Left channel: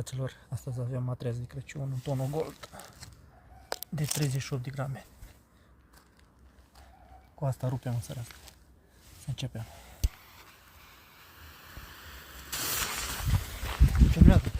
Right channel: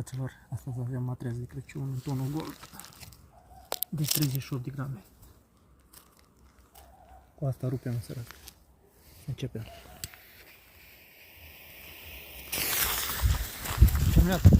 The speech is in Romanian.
Fraților, astăzi avem matreaz de Crăciun în tonul gold. Deci 38 de grame. Cu asta rupem în seara asta. Să începem. Terminat.